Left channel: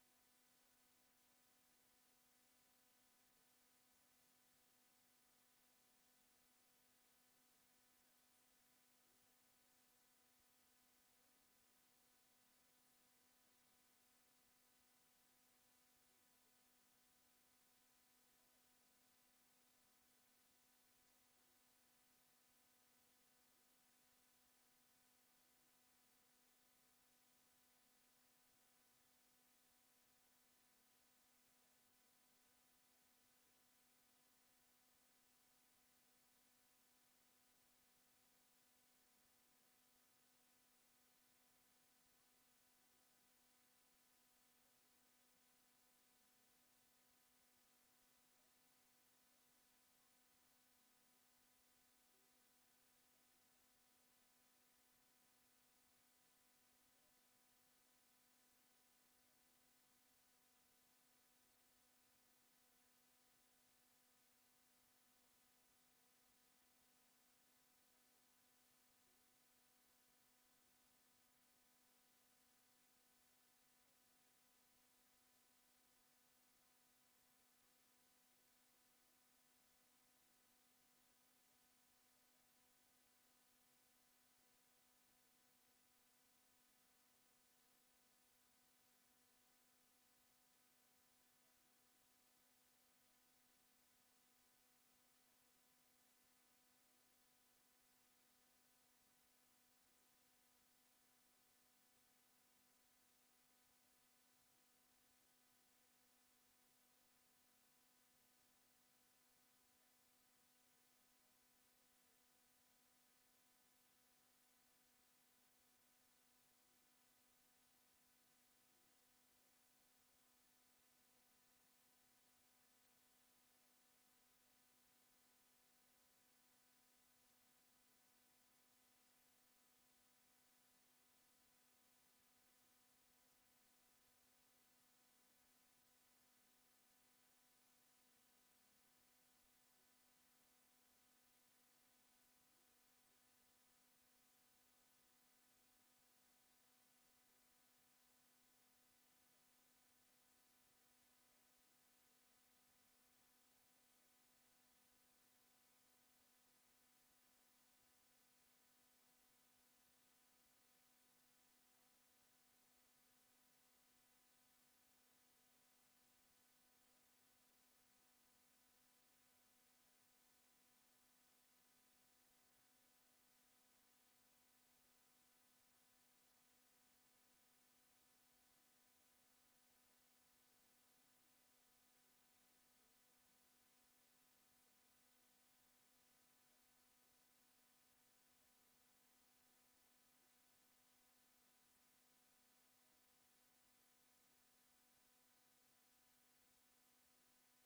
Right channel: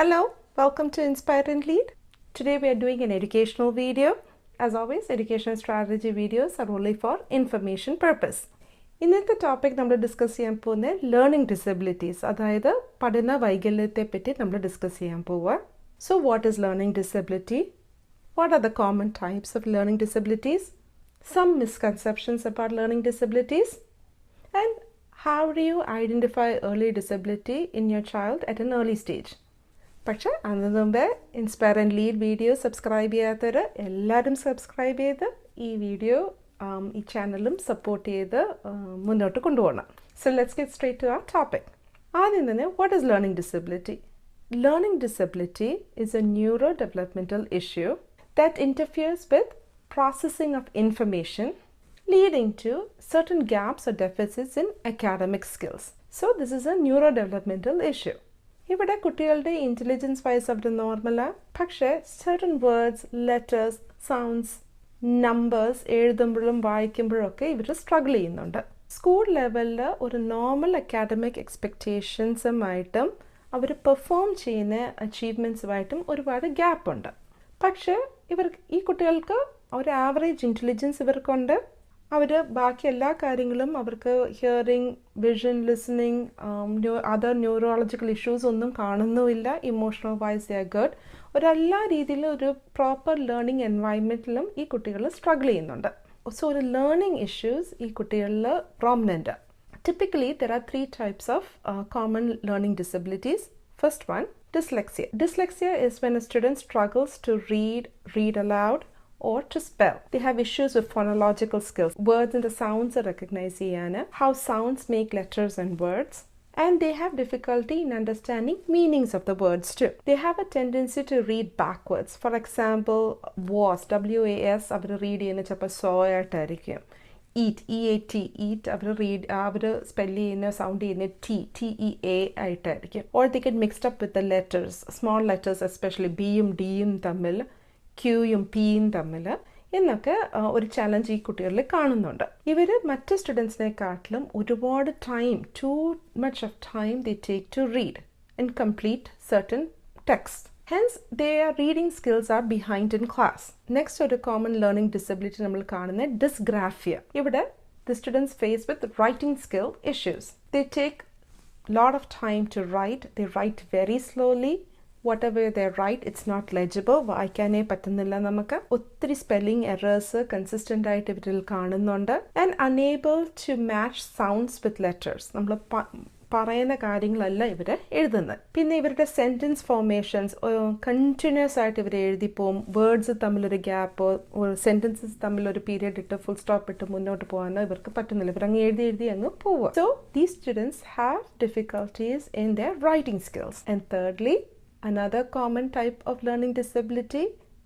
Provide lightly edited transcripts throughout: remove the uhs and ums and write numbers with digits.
Hello, welcome to Inspire and Lead. Today we are doing an educational video. As always, educational strategy videos are only for information purpose. ഇന്നത്തെ topic നമ്മൾ discuss ചെയ്യാൻ പോകുന്നത് learning disabilities, അതായത് പഠന വൈകല്യത്തെ പറ്റി നമ്മൾ discuss ചെയ്യാൻ പോവുക. So what is learning disability? What are the common types of learning disabilities? Some misconceptions about learning disabilities? And how do you identify early disability in your child at an early stage? പക്ഷേ അതിന് മുമ്പേ inspire and lead video subscribe ചെയ്യാത്തവർ എല്ലാവരും subscribe ചെയ്ത് ഈ video ഈ ചാനലും support ചെയ്ത് മുന്നോട്ട് കൊണ്ടുപോകണം. So let's get straight to our topic. ആദ്യം തന്നെ what is learning disability? Learning disability is a neuro developmental issue that interferes with processing of information leading to certain gaps or deficits in academic skills. So this is a neurodevelopmental issue. ഇവിടെ കുട്ടികളുടെ intelligence vice അവർ നോർമലാണ്, പക്ഷേ certain words, letters, sounds, numbers എഴുതുമ്പോഴും വായിക്കുമ്പോഴൊക്കെ ഇവർ struggle ചെയ്യുന്നുണ്ട്. School ലെവലിൽ ഒരു normal academic എക്സ്പെക്റ്റേഷൻസുമായിട്ടും അവർ perform ചെയ്യുന്ന അച്ചീവ്മെൻറ്റ്സുമായിട്ടും ഒരുപാട് ഗ്യാപ്പുണ്ട്. പക്ഷേ ഈ കുട്ടികൾക്ക് ഒരു ആവറേജ് ഇൻ്റലിജൻസ് ഇവർക്കുണ്ട്. അവർ ബാക്കി എല്ലാ കാര്യങ്ങളും അവർക്ക് hearing, vision, listening, other neurological issues ഒന്നും കാണുന്നുമില്ല. Emotional wise they are good. എല്ലാ രീതിയിലും ഒരു പ്രോപ്പർ ലേണിംഗ് എൻവയൺമെൻറ്റിലും ഈ കുട്ടികൾ സ്ട്രഗിൾ ചെയ്യുന്നുണ്ട്. സോ ഒരു ലേണിംഗ് ഇഷ്യൂസ് ഈ കുട്ടികളിൽ prominent. Typically, there are three types of common learning disabilities. First one, dyslexia. Dyslexia is when a student struggles to read aloud, or to spell. They have issues with phonological skills. Words and the sounds are recognized, how sounds make letters and words. And they have difficulty in understanding meanings of the words too. They have a tendency to read backwards. For example, was, W-A-S, അവർ read ചെയ്യുന്ന ചിലപ്പോൾ saw ആയിട്ടായിരിക്കും. Eat, E-A-T, eat അവർ spell ചെയ്യുന്ന sound ചെയ്യുന്ന T-E-A ആയിട്ടായിരിക്കും. Or they get mixed up with the letters, small letters especially, ബിയും ഡിയും തമ്മിൽ, ക്യൂയും പിയും തമ്മിൽ എന്നൊക്കെ ഒരു ചലഞ്ച് ഈ കുട്ടികളിൽ കാണുന്നുണ്ട്. ഇവർ മറ്റ് സ്റ്റുഡൻസിനെക്കാട്ടിലും ഒരുപാട് too much of time they take to read and complete certain text. Hence their reading skills are behind in class. Next ഒരു കോമൺ ലേണിംഗ് ഡിസബിലിറ്റി നമ്മൾ കാണുന്നത് ഡിസ്ഗ്രാഫിയ. ഇവിടെ the students face with writing skill issues. They take lot of time to write. They write very slowly. Whatever they write, it's not legible. വായിക്കാനേ പറ്റുന്നില്ല. നമുക്ക് ഒത്തിരി spelling errors consistent ആയിട്ട് ഇവരിൽ കാണുന്നുണ്ട്. And unable to match sounds with letters. നമ്മൾ പറയുന്ന കാര്യങ്ങളല്ല ഇവർ എഴുതുന്നത്. പിന്നെ ഇവരുടെ സെൻറ്റൻസ് ഫോർമേഷൻസ് കണ്ടിന്യൂസ് ആയിട്ട് ഇവർ എഴുതിപ്പോവും. വേർഡ്സ് തമ്മിലൊരു ഗ്യാപ്പ്, സെൻറ്റൻസസ് തമ്മിലൊരു പീരിയഡ് ഇട്ട് ഫുൾ സ്റ്റോപ്പ് ഇട്ട് മുന്നോട്ട് പോകാനോ ഇവർക്ക് പറ്റുന്നില്ല. ഇവരങ്ങ് എഴുതി അങ്ങ് പോവുക. So these students have difficulties in there writing skills. And thirdly, another common type of learning disability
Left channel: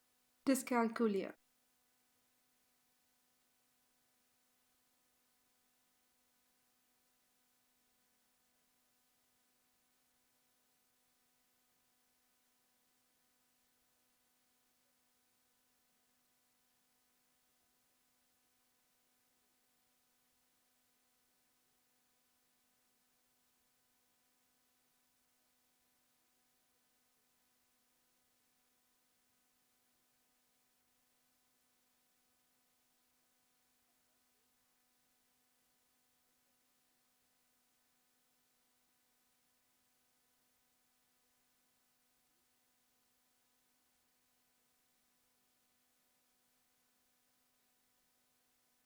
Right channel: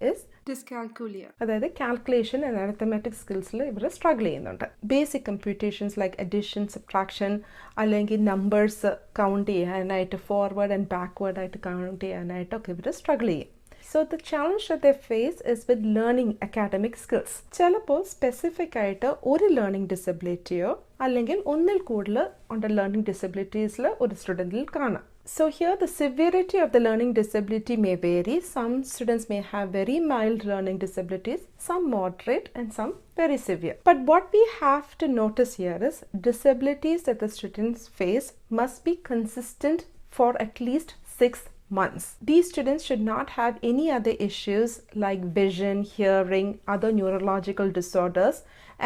is dyscalculia. അതായത് കാൽക്കുലേഷൻ ആൻഡ് അരിത്തമാറ്റിക് സ്കിൽസിൽ ഇവർ സ്ട്രഗിൾ ചെയ്യുന്നുണ്ട്. Basic computations like addition, subtraction, അല്ലെങ്കിൽ നമ്പേഴ്സ് കൗണ്ട് ചെയ്യാനായിട്ട് ഫോർവേഡ് ആൻഡ് ബാക്ക്വേർഡ് ആയിട്ട് count ചെയ്യാനായിട്ടൊക്കെ ഇവർ struggle ചെയ്യും. So the challenge that they face is with learning academic skills. ചിലപ്പോൾ specific ആയിട്ട് ഒരു ലേണിംഗ് ഡിസബിലിറ്റിയോ അല്ലെങ്കിൽ ഒന്നിൽ കൂടുതൽ ഉണ്ട് ലേണിംഗ് ഡിസബിലിറ്റീസിൽ ഒരു സ്റ്റുഡൻറ്റിൽ കാണാം. So here the severity of the learning disability may vary. Some students may have very mild learning disabilities, some moderate and some very severe. But what we have to notice here is disabilities that the students face must be consistent for at least 6 months. These students should not have any other issues like vision, hearing, other neurological disorders,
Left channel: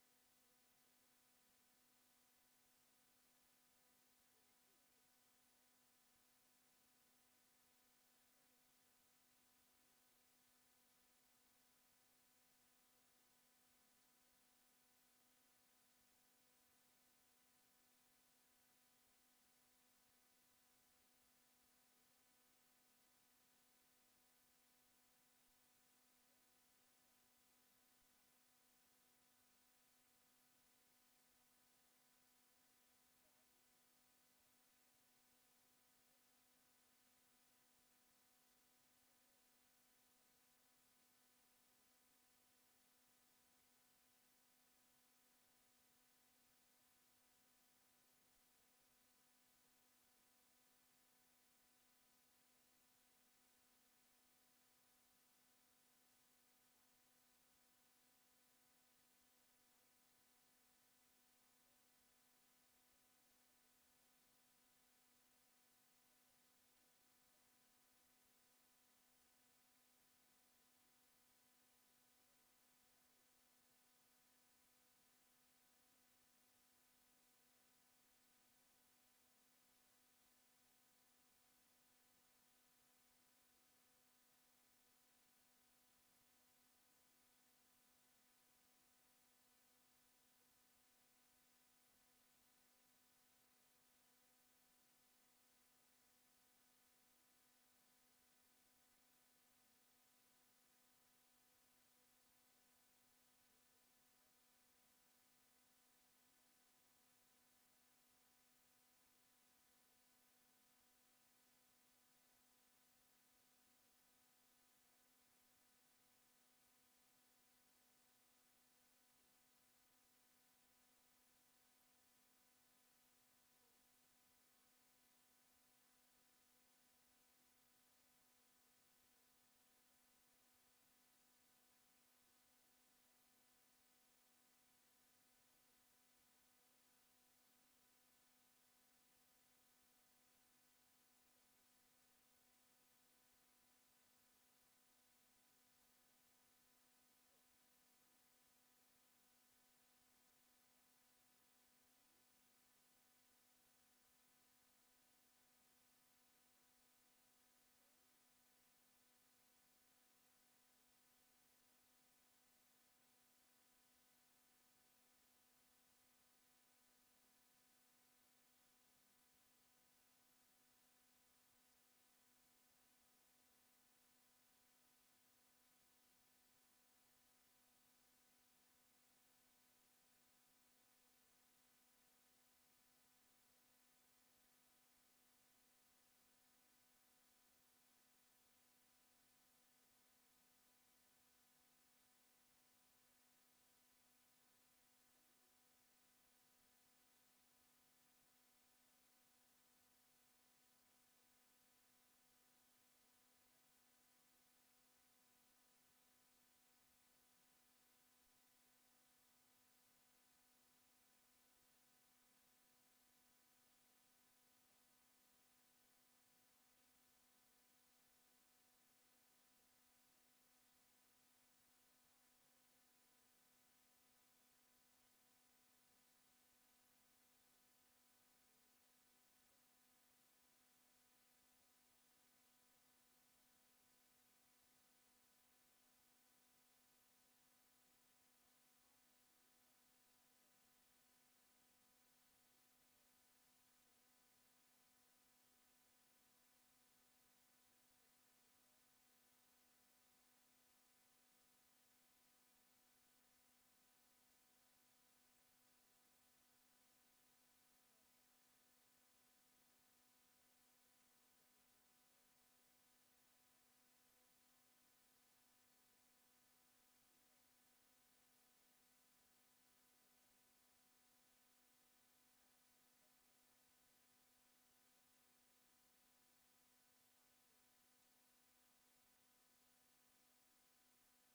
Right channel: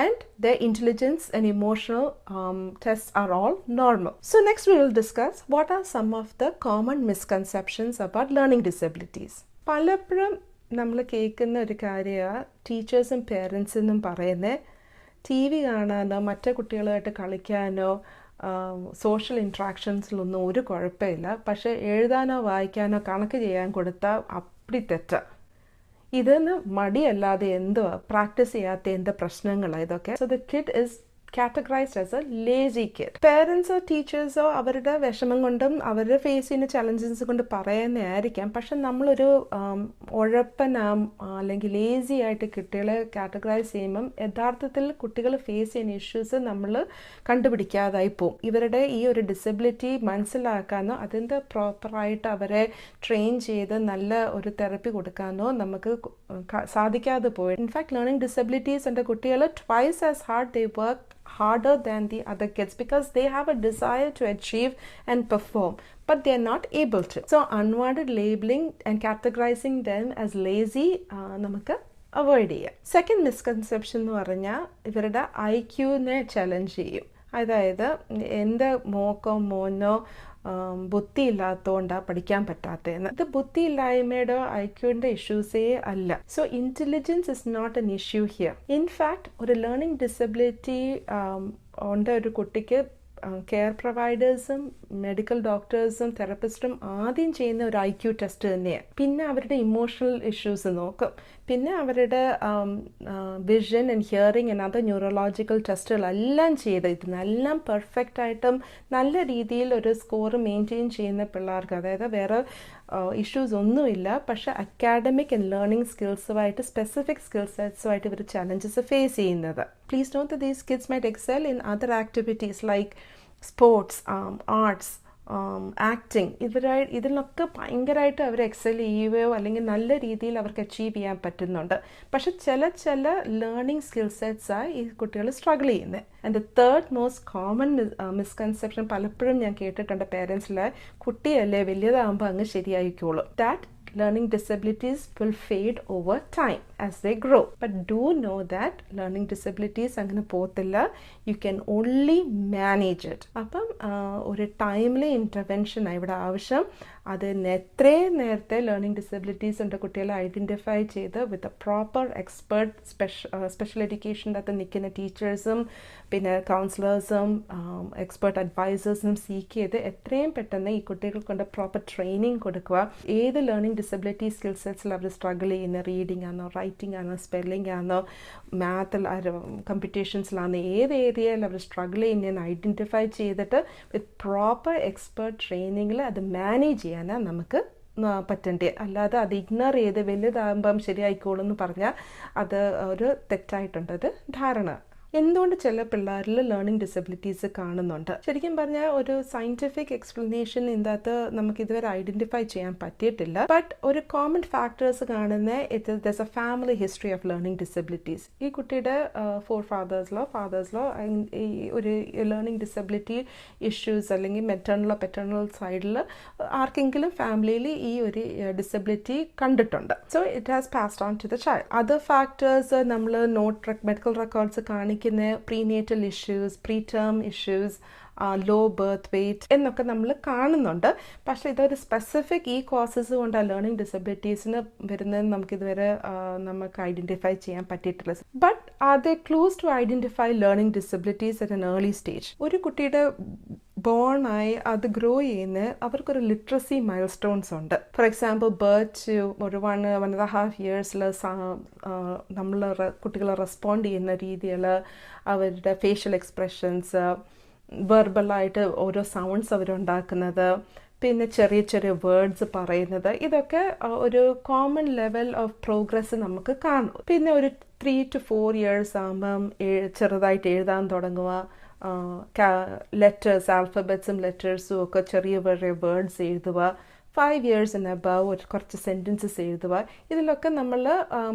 and their intelligence and emotional tests are all normal. So next we will discuss what are some of the common misconceptions about learning disabilities. പലപ്പോഴും നമ്മൾ കേൾക്കുന്ന ഒരു കാര്യമാണ് ടീച്ചേഴ്സും പേരൻസിനും പറയുന്നത് TV കാണാനോ മറ്റു കുട്ടികളുമായിട്ട് കളിക്കാനോ സോഷ്യൽ ഇൻട്രാക്ഷൻസിലൊന്നും ഒരു കുഴപ്പമില്ല, പക്ഷേ എഴുതാനോ വായിക്കാനോ കണക്ക് ചെയ്യാൻ കൊടുത്താൽ അപ്പടി തെറ്റാ. ഇതിന് മടിയല്ലാതെ എന്തോ പ്രാക്ടീസ് ചെയ്യാത്ത എന്ത് പ്രശ്നങ്ങളാണ് ഇതൊക്കെ. So the kid is categorized as a lazy kid. Parents or teachers or അവരുടെ വിഷമം കൊണ്ടും അവരുടെ ഫേസ് ചെയ്യുന്ന ചലഞ്ചസ് കൊണ്ട് പറയുന്നതായിരിക്കാം. പക്ഷെ നമ്മളൊരു ഉഴപ്പനാം അല്ലെങ്കിൽ ലേസി ആയിട്ട് കുട്ടികളെ കാറ്റഗറൈസ് ചെയ്യുമ്പം യഥാർത്ഥത്തിൽ കുട്ടികൾ ഫേസ് ചെയ്യുന്ന ഇഷ്യൂസ് നമ്മൾ കണ്ടുപിടിക്കാതായി പോകും. ഇവരുടെ ഈ ഒരു ഡിസബിലിറ്റി മനസ്സിലാക്കാനോ അതിൻ്റെ പ്രോപ്പറായിട്ട് അവരെ ട്രെയിൻ ചെയ്ത് നല്ല ഒരു തെറപ്പി കൊടുക്കാനോ നമുക്ക് സാധിക്കാതെ പോയി. ഇൻഫാക്ട് ലേണിംഗ് ഡിസബിലിറ്റീസ് എൻ്റെ കുട്ടികൾ twice as hard they work harder than the other kids because they have a desire to achieve and perform, but they are not able to. So unwanted labeling and categorizing them as lazy നമുക്ക് avoid ചെയ്യാം. Second misconception എന്ന് പറഞ്ഞാൽ ഇവരുടെ IQനെ challenge ചെയ്യും. അതായത് എൻ്റെ മോക്കോ മോനോ ബുദ്ധിയില്ലാത്തതുകൊണ്ടാണ് പഠിക്കാൻ പറ്റാത്തതെന്ന്. ഇത് ബുദ്ധിയില്ലായ്മയുടെ IQൻ്റെ ഇഷ്യൂസേ അല്ല. So intelligence is not an issue here. In fact ഒരു ലേണിംഗ് ഡിസബിലിറ്റി ഉണ്ട് ഒരു കുട്ടിക്ക് കെയർ പ്രൊവൈഡേഴ്സും മെഡിക്കൽ ഡോക്ടേഴ്സും തെറപ്പിസ്റ്റും ആദ്യം ചെയ്യുന്ന ഒരു IQ ടെസ്റ്റ് തന്നെയാണ്. പിന്നെ അവരുടെ ഇമോഷണൽ ഇഷ്യൂസ് നോക്കും. പിന്നെ അവരുടെ vision and hearing and other neurological ടെസ്റ്റുകളെല്ലാം ചെയ്ത് ഇതിനെല്ലാം പെർഫെക്റ്റ് ആയിട്ടും നല്ല രീതിയിൽ ഒരു സ്കോർ മെയിൻറ്റെയിൻ ചെയ്യുന്ന പിള്ളേർക്ക്, അതായത് വേറെ ഇഷ്യൂസ് ഒന്നുമില്ല, പക്ഷേ അക്കാഡമിക് ആൻഡ് ലേണിംഗ് സ്കിൽസുമായിട്ട് സ്പെസിഫിക് സ്കിൽ സെറ്റ്സുമായിട്ട് ഇവർ ചലഞ്ചസ് ഫേസ് ചെയ്യുന്നത്. Please note that these kids might excel in other activities like sports, arts, acting. ഇതിലൊക്കെ ഭയങ്കരമായിട്ട് അവർ എക്സൽ ചെയ്യുകയോ അല്ലെങ്കിൽ നല്ല രീതിയിൽ അവർക്ക് അച്ചീവ് ചെയ്യാൻ പറ്റുന്നുണ്ട്. പക്ഷെ ചില ലേണിംഗ് സ്കിൽ സെറ്റ്സായി ഈ കുട്ടികൾ സ്ട്രഗിൾ ചെയ്യുന്നത്. And the third most common misconception പലപ്പോഴും ഞാൻ കേട്ടിട്ടുണ്ട് പേരൻസിൽ, കുട്ടിയല്ലേ വലിയതാകുമ്പോൾ അങ്ങ് ശരിയായിക്കോളും. That learning disabilities will fade over time as they grow. But do know that learning disabilities അങ്ങനെ പോകത്തില്ല. You can only manage it. അപ്പം ഒരു ടൈംലി ഇൻ്റർവെൻഷൻ ഇവിടെ ആവശ്യം. അതിന് എത്രയും നേരത്തെ ലേണിംഗ് ഡിസബിലിറ്റീസ് ഉണ്ട് കുട്ടികളെ ഐഡൻറ്റിഫൈ ചെയ്ത് with a proper expert special എഡ്യൂക്കേഷൻ്റെ അകത്ത് നിൽക്കുന്ന ടീച്ചേഴ്സും പിന്നെ കൗൺസിലേഴ്സും എക്സ്പെർട്ട് അഡ്വൈസേഴ്സും സീക്ക് ചെയ്ത് എത്രയും പെട്ടെന്ന് ഈ കുട്ടികൾക്ക് കൊണ്ട് പ്രോപ്പർ ട്രെയിനിങ് കൊടുക്കുക. ഏത് ലേണിംഗ് ഡിസബിലിറ്റി സ്കിൽ സെറ്റ്സിൽ അവർ സ്ട്രഗിൾ ചെയ്യുന്ന, റീഡിംഗ് ആണോ, റൈറ്റിംഗ് ആണോ, സ്പെല്ലിംഗ് ആണോ, മാത്തിൽ കമ്പ്യൂട്ടേഷൻസിലാണോ, ഏത് ഏരിയയിൽ അവർ സ്ട്രഗിൾ ചെയ്യുന്നതെന്ന് ഐഡൻറ്റിഫൈ ചെയ്തിട്ട് വിത്ത് പ്രോപ്പർ എക്സ്പെർട്ട് ട്രെയിനിങ്ങിൽ അത് മാനേജ് ചെയ്യാനാണ് നമുക്ക് പറ്റേണ്ടത്. അല്ലാതെ അത് ഇഗ്നോർ ചെയ്ത് വലുതാകുമ്പം ശരിയായിക്കോളും എന്ന് പറഞ്ഞാൽ അത് ഒരു തെറ്റായിട്ടുണ്ടത് ധാരണ. എന്തുകൊണ്ട് ചില പിള്ളേരിൽ ലേണിംഗ് ഡിസബിലിറ്റീസ് കാണുന്നുണ്ട്? ശരിക്കും പറഞ്ഞാൽ ഒരു സയൻറ്റിഫിക് എക്സ്പ്ലനേഷൻ ഇതിനകത്ത് നമുക്ക് ഇതുവരെ ഐഡൻറ്റിഫൈ ചെയ്യാൻ പറ്റിയിട്ടില്ല. ബട്ട് ഒരു കോമൺ ഫാക്ടേഴ്സ് കാണുന്ന there's a family history of learning disabilities. ഈ കുട്ടിയുടെ ഫാദേഴ്സിലോ ഈ ഒരു ലേണിംഗ് ഡിസബിലിറ്റി ഇഷ്യൂസ് അല്ലെങ്കിൽ മെറ്റേണലോ പെറ്റേണൽ സൈഡിൽ ആർക്കെങ്കിലും ഫാമിലിയിൽ ഈ ഒരു ഡിസബിലിറ്റി കണ്ടിട്ടുണ്ട്. So it has passed on to the child. Other factors നമ്മൾ മെഡിക്കൽ റെക്കോർഡ്സ് കാണിക്കുന്ന prenatal issues, preterm issues, low birth weight എന്നൊക്കെ നമ്മൾ കാണുന്നുണ്ട്. പക്ഷേ ഇതൊരു സ്പെസിഫിക് ഈ കോസസ് കൊണ്ട് ആ ലേണിംഗ് ഡിസബിലിറ്റീസിന് വരുന്നതെന്ന് നമുക്കിതുവരെ നമുക്ക് ഐഡൻറ്റിഫൈ ചെയ്യാൻ പറ്റിയിട്ടില്ല. But are they clues to identify learning disabilities at an early stage? ഒരു കുട്ടിയുടെ ബോണായി അത് ഗ്രോ ചെയ്യുന്ന അവർക്കൊരു ലിറ്ററസി മൈൽ സ്റ്റോൺസ് ഉണ്ട്. ഫോർ എക്സാമ്പിൾ ബർത്ത് ഒരു 1.5 ഇയേഴ്സിൽ നമ്മൾ കുട്ടികൾ റെസ്പോണ്ട് ചെയ്യുന്ന രീതികൾ, അവരുടെ ഫേഷ്യൽ എക്സ്പ്രഷൻസ്, വെർബലായിട്ട് ഓരോ സൗണ്ട്സ് അവരുണ്ടാക്കുന്നത്, പിന്നെ ചെറിയ ചെറിയ വേർഡ്സ് പറയുന്നത്, ഇതൊക്കെ ഒരു കോമൺ ലെവൽ ഓഫ് പ്രോഗ്രസ് നമുക്ക് കാണും. പിന്നെ ഒരു 3 to 4 ഇയേഴ്സ് ആകുമ്പം ചെറുതായിട്ട് എഴുതാൻ തുടങ്ങുക, ലെറ്റേഴ്സ്, ആൽഫബറ്റ്സും ലെറ്റേഴ്സും ഒക്കെ ചെറിയ ചെറിയ വേർഡ്സ് എഴുതുക, 5 ഇയേഴ്സ് ആൻഡ് അബവ് ഒരു കുറച്ച് സെൻറ്റൻസസ് എഴുതുക. ഇതിലൊക്കെ നമ്മൾ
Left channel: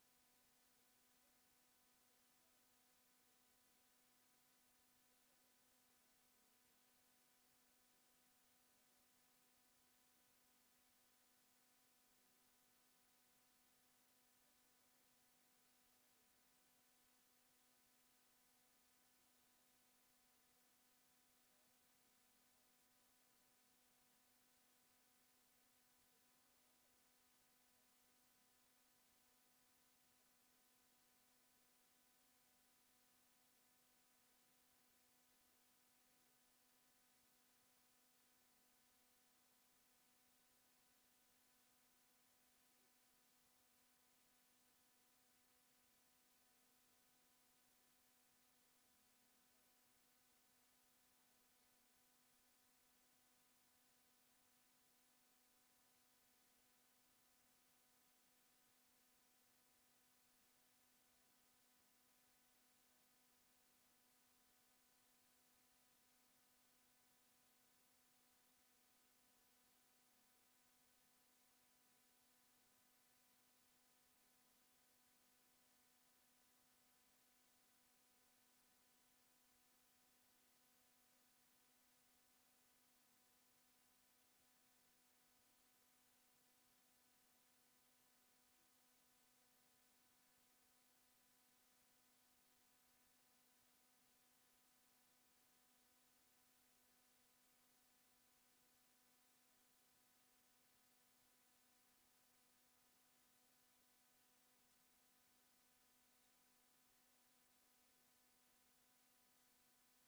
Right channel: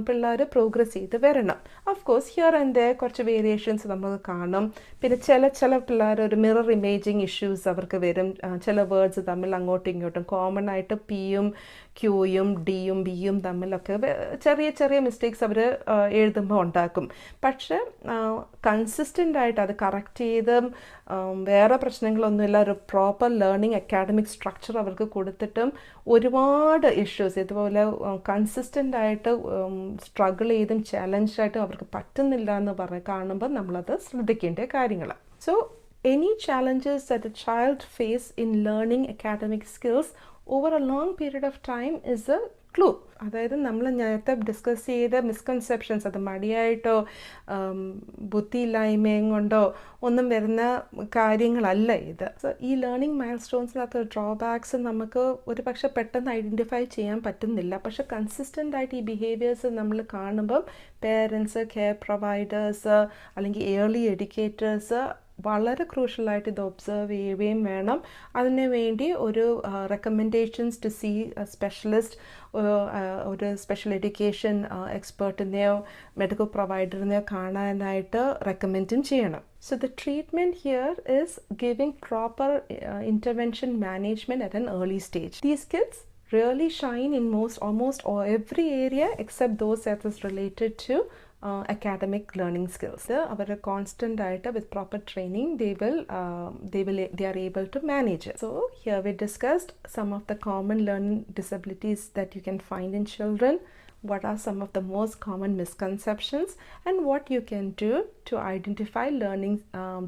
പിള്ളേർ പ്രോഗ്രസ് ചെയ്ത് വരണം. Of course here and their കുറച്ച് വേരിയേഷൻസ് നമുക്ക് കാണും. പിന്നെ ചില പിള്ളേർ ഒരു മിറർ ഇമേജിങ് ഇഷ്യൂസ് അവർക്ക് വരും. ചില വേർഡ്സ് തമ്മിൽ അങ്ങോട്ടും ഇങ്ങോട്ടും കോമൺ ആയിട്ട് പിയും ക്യൂയും ഡിയും ബിയും തമ്മിലൊക്കെ ചെറിയ ചെറിയ മിസ്റ്റേക്സ് അവർ എഴുതുമ്പോൾ ഉണ്ടാക്കും. പക്ഷെ കൺസിസ്റ്റൻ്റ് ആയിട്ട് അത് കറക്റ്റ് ചെയ്ത് വേറെ പ്രശ്നങ്ങളൊന്നുമില്ല, ഒരു പ്രോപ്പർ ലേണിംഗ് അക്കാഡമിക് സ്ട്രക്ചർ അവർക്ക് കൊടുത്തിട്ടും ഒരുപാട് ഇഷ്യൂസ് ഇതുപോലെ കൺസിസ്റ്റൻ്റ് ആയിട്ട് സ്ട്രഗിൾ ചെയ്തും ചാലഞ്ചായിട്ടും അവർക്ക് പറ്റുന്നില്ല എന്ന് കാണുമ്പോൾ നമ്മളത് ശ്രദ്ധിക്കേണ്ട കാര്യങ്ങൾ. So any challenges that a child face in learning academic skills over a long period of time is a clue. അതായത് നമ്മൾ നേരത്തെ ഡിസ്കസ് ചെയ്ത മിസ്കൺസെപ്ഷൻസ്, അത് മടിയായിട്ടോ ബുദ്ധിയില്ലായ്മയും കൊണ്ടോ ഒന്നും വരുന്ന കാര്യങ്ങളല്ല ഇത്. സോ ഈ ലേണിംഗ് മൈൽ സ്റ്റോൺസിനകത്ത് ഡ്രോബാക്സ് നമുക്ക് ഒരു പക്ഷെ പെട്ടെന്ന് ഐഡൻറ്റിഫൈ ചെയ്യാൻ പറ്റുന്നില്ല. പക്ഷെ കൺസിസ്റ്റൻ്റ് ആയിട്ട് ഈ ബിഹേവിയേഴ്സ് നമ്മൾ കാണുമ്പം പേരൻസ്, കെയർ പ്രൊവൈഡേഴ്സ് അല്ലെങ്കിൽ ഏർലി എഡ്യൂക്കേറ്റേഴ്സ് വളരെ ക്രൂഷ്യലായിട്ട് ഇത് ഒബ്സർവ് ചെയ്യുകയും വേണം. അതിന് വേണ്ടി ഒരു റെക്കമെൻഡേഷൻസ് ടു സീ സ്പെഷ്യലിസ്റ്റ്, ഒരു സ്പെഷ്യൽ എഡ്യൂക്കേഷൻ എക്സ്പേർട്ടിനെയോ മെഡിക്കൽ പ്രൊവൈഡറിനെയോ കാണാനായിട്ട് റെക്കമെൻഡും ചെയ്യണം. So the treatment here is giving proper intervention management at an early stage. These kids really shine in almost every area except those that is related to academic learning skills. Our constant diet with proper training, they are able to manage it. So here we discussed some of the common learning disabilities that you can find in children, what are some of the most common misconceptions, and what you can do to identify learning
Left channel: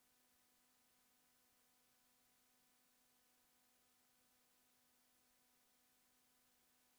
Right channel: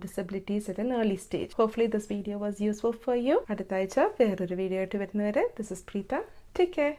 disabilities at an early stage. Hopefully this video was useful for you. Adutha Aycha veroru video aayittu varunavare. This is Preetha. Take care.